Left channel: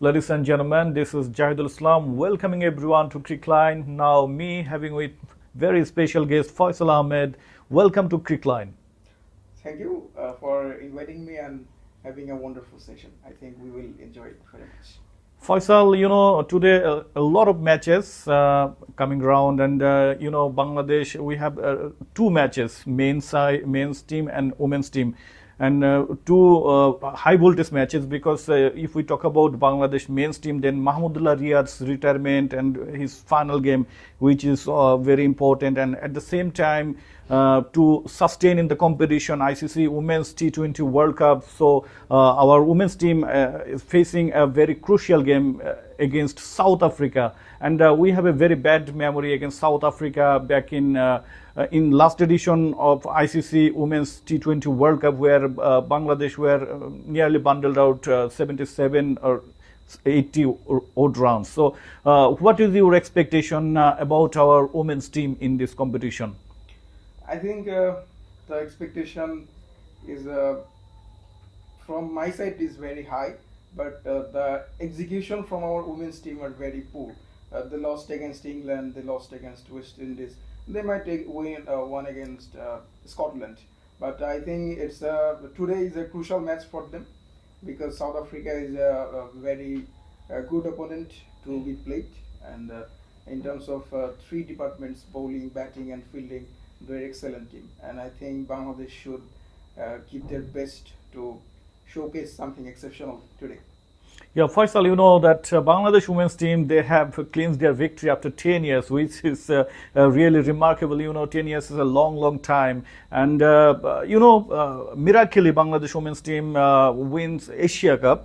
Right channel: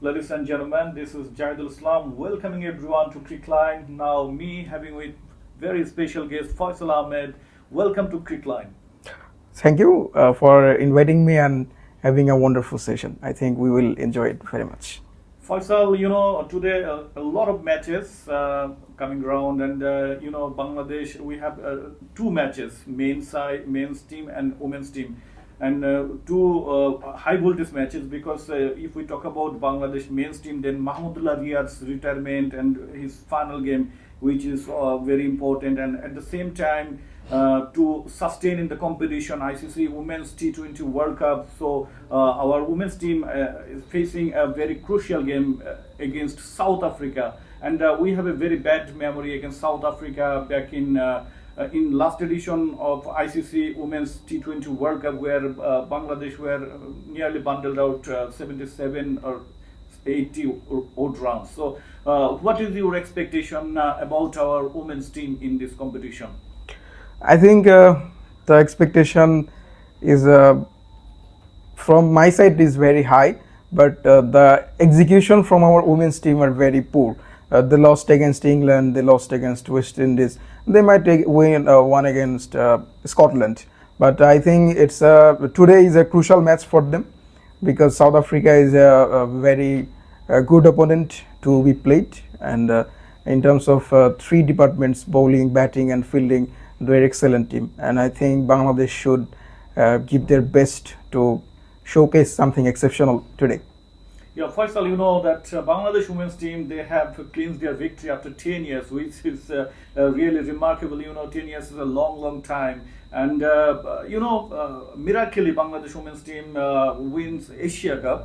Ladies and gentlemen, this is Jahidul Islam welcoming everyone to Crickline. Now, me having with very special guest Faisal Ahmed. Welcome to Crickline. Thank you for inviting me and having a wonderful session. I think we will enjoy it very much. Faisal, today a lot of matches coming around, and Bangladesh. We have two matches: men's team and women's team, and two high voltage matches. Because if we talk about Bangladesh men's team, then Mahmudullah Riyad's retirement and his final game, which is very important, and at the same time. To sustain in the competition, ICC Women's T20 World Cup. So our women's team is facing a very crucial game against South Africa, and we have a very bad memory against South Africa back in last edition of ICC Women's T20 World Cup, where Bangladesh were nearly bundled out 77 or 80 odd rounds. So, what is your expectation about our women's team in this competition? I think the expectation is from my side is very high, but the execution from our women's team are very poor. They lost against England, they lost against West Indies. They might win one against Scotland, but I think it's today is a crucial match for them because South Africa is a very good opponent to be played, and in terms of three departments: bowling, batting, and fielding. They're excellent team, and I think Bangladesh should give their best to showcase something exceptional today. Yeah, Faisal, you know that Bangladesh women's team, they have clinched their victory after 10 years, which is really remarkable. 10 years is a long time. And, miraculously, Bangladesh women's team wins Asia Cup,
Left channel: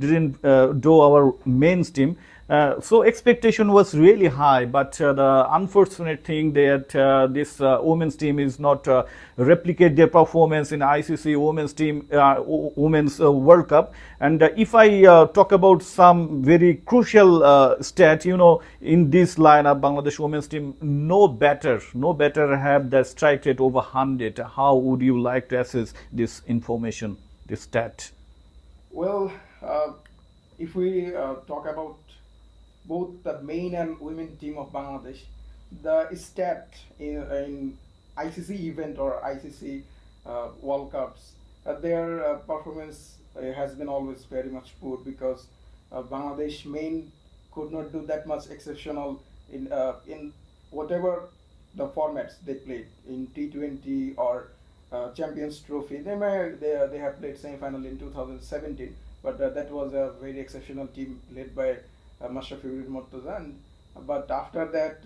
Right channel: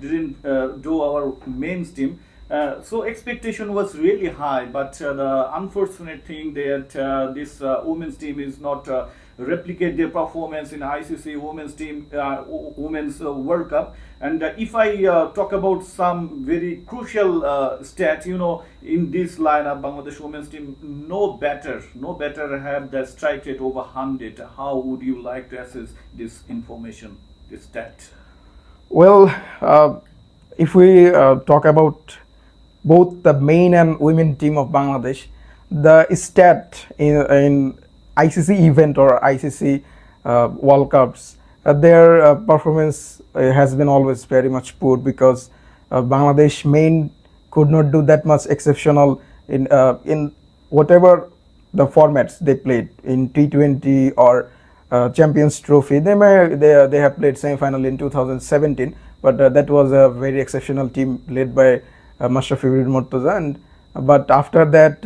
didn't do our men's team. So expectation was really high, but the unfortunate thing that this women's team is not replicate their performance in ICC women's World Cup. And if I talk about some very crucial stat, in this lineup, Bangladesh women's team no better have the strike rate over 100. How would you like to assess this information, this stat? Well, if we talk about both the men and women team of Bangladesh, the stat in ICC event or ICC World Cups, their performance has been always very much poor because Bangladesh men could not do that much exceptional in whatever the formats they played in T20 or Champions Trophy. They have played semi-final in 2017, but that was a very exceptional team led by Mashrafi Bin Murtaza, but after that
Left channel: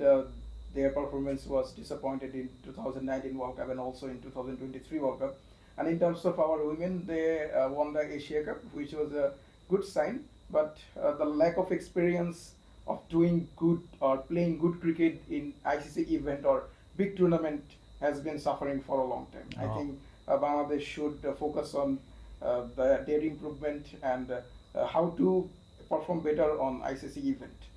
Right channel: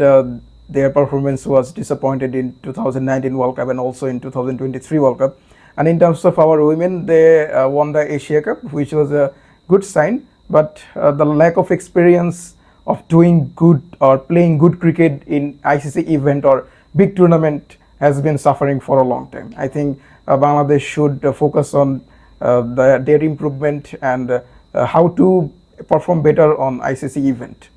their performance was disappointed in 2019 World Cup and also in 2023 World Cup. And in terms of our women, they won the Asia Cup, which was a good sign, but the lack of experience of doing good or playing good cricket in ICC event or big tournament has been suffering for a long time. I think Bangladesh should focus on their improvement and how to perform better on ICC event.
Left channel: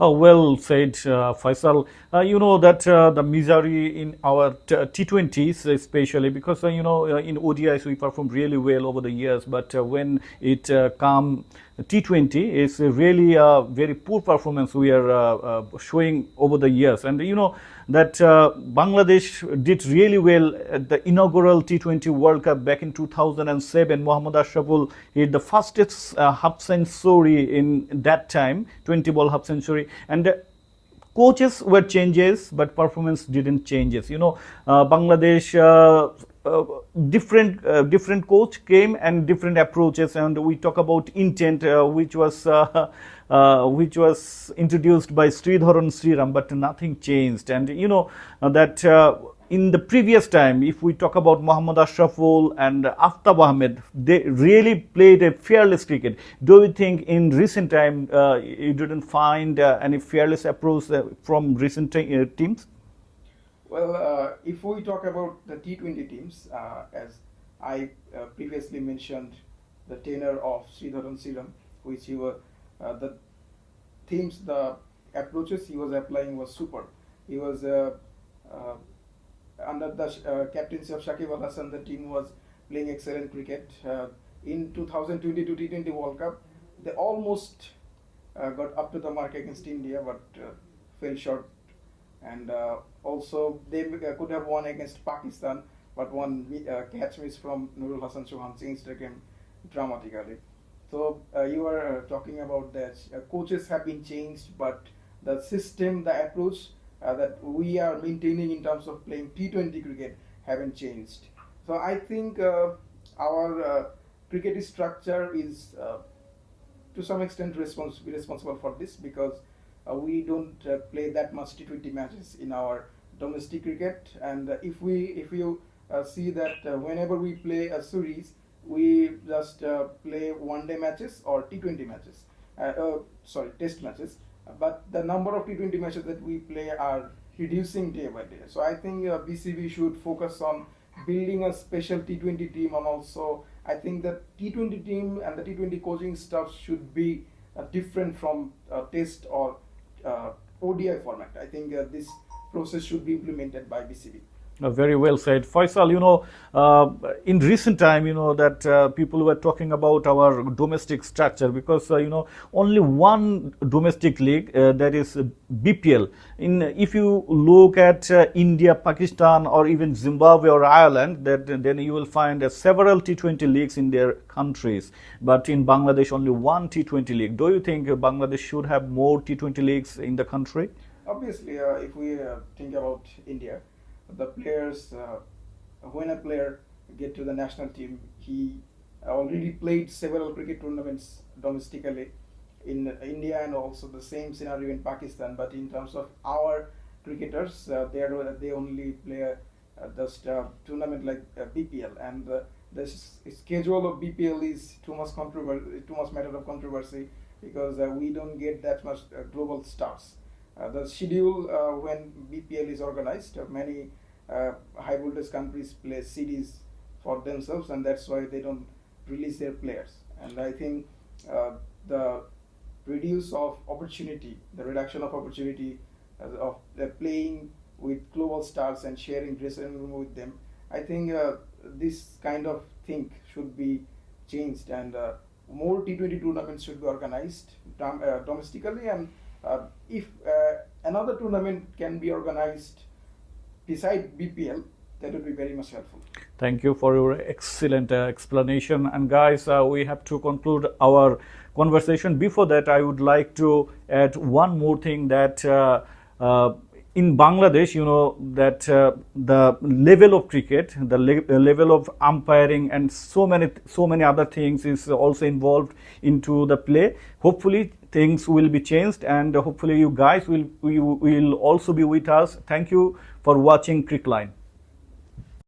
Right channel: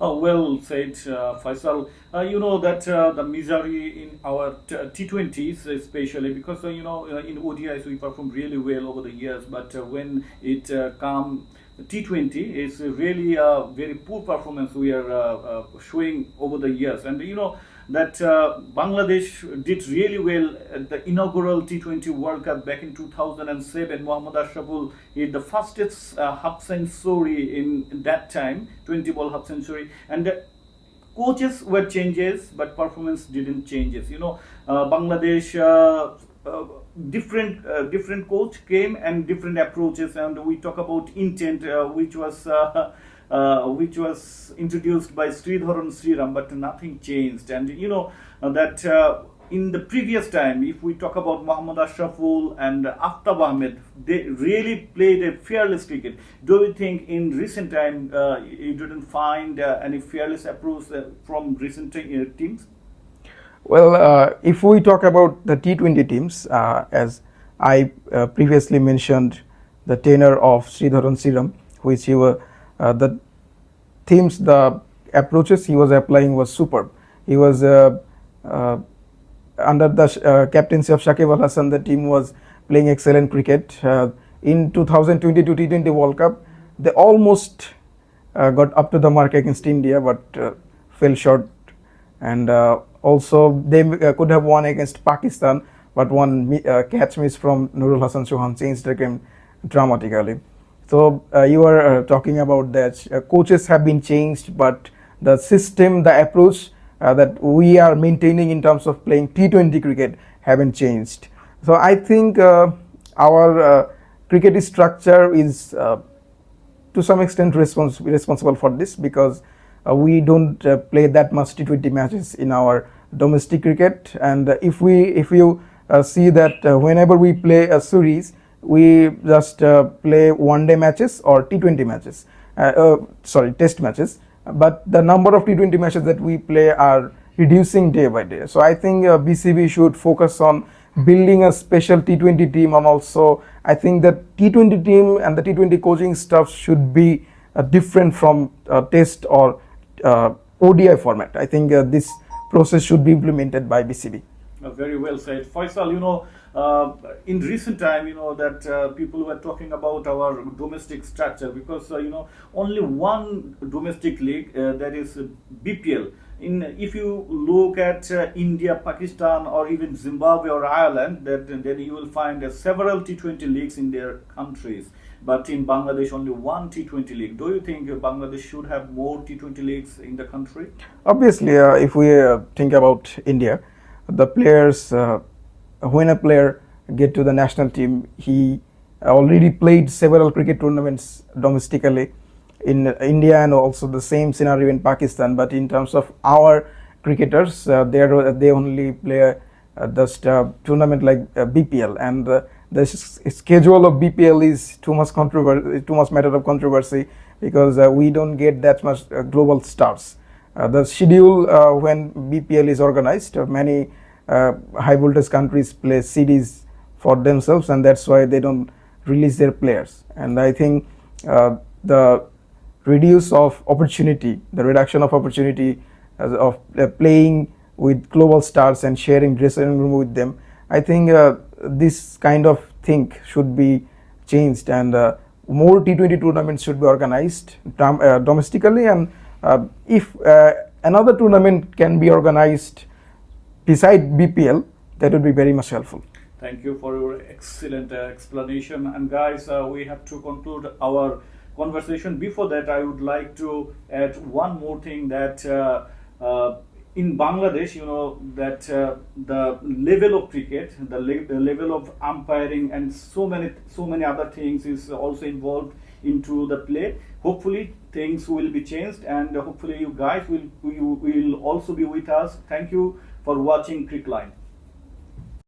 Well said, Faisal. You know that the misery in our T20s, especially because in ODIs we perform really well over the years, but when it comes T20, it's really a very poor performance we are showing over the years. And that Bangladesh did really well at the inaugural T20 World Cup back in 2007. Mohammad Ashraful hit the fastest half century in that time, 20-ball half century. And coaches were changes, but performance didn't changes. Bangladesh different coach came and different approaches, and we talk about intent, which was introduced by Sridharan Sriram, but nothing changed. And that in the previous time, if we talk about Mohammad Ashraful and Aftab Ahmed, they really played a fearless cricket. Do you think in recent time you didn't find any fearless approach from recent teams? Well, if we talk about the T20 teams, as I previously mentioned, the tenure of Sridharan Sriram, which he was the themes, the approaches he was applying was superb. He was under the captaincy of Shakib Al Hasan, the team was playing excellent cricket. in 2022 T20 World Cup, they almost got up to the mark against India, but fell short. And also they could have won against Pakistan, but one catch miss from Nurul Hassan Chauhan changed the game dramatically. So you are talking about that coaches have been changed, but the system, the approach that we are maintaining in terms of playing T20 cricket haven't changed. So I think our cricket structure is to some extent responsible for this, because we don't play that much T20 matches in our domestic cricket. And if you see that whenever we play a series, we just play one-day matches or T20 matches, test matches. But the number of T20 matches that we play are reducing day by day. So I think BCB should focus on building a special T20 team, and also I think that T20 team and the T20 coaching staff should be different from test or ODI format. I think this process should be implemented by BCB. Very well said, Faisal. In recent time, that people were talking about our domestic structure, because only one domestic league, that is BPL. If you look at India, Pakistan, or even Zimbabwe or Ireland, then you will find several T20 leagues in their countries. But in Bangladesh, only one T20 league. Do you think Bangladesh should have more T20 leagues in the country? Obviously, if we think about India, the players, when a player get to the national team, he already played several cricket tournaments domestically in India, and also the same scenario in Pakistan. But in terms of our cricketers, they only play just tournament like BPL, and the schedule of BPL is too much matter of controversy, because we don't get that much global stars. The schedule when BPL is organized, many high voltage countries play series for themselves, and that's why they don't release their players. And I think the reduction of opportunity of playing with global stars and sharing dressing room with them, I think this kind of thing should be changed, and more T20 tournaments should be organized domestically. And if another tournament can be organized beside BPL, that would be very much helpful. Thank you for your excellent explanation. And guys, we have to conclude our conversation. Before that, I would like to add one more thing, that in Bangladesh, that the level of cricket, the level of umpiring, and so many other things is also involved into the play. Hopefully things will be changed, and hopefully you guys will also be with us. Thank you for watching Crickline.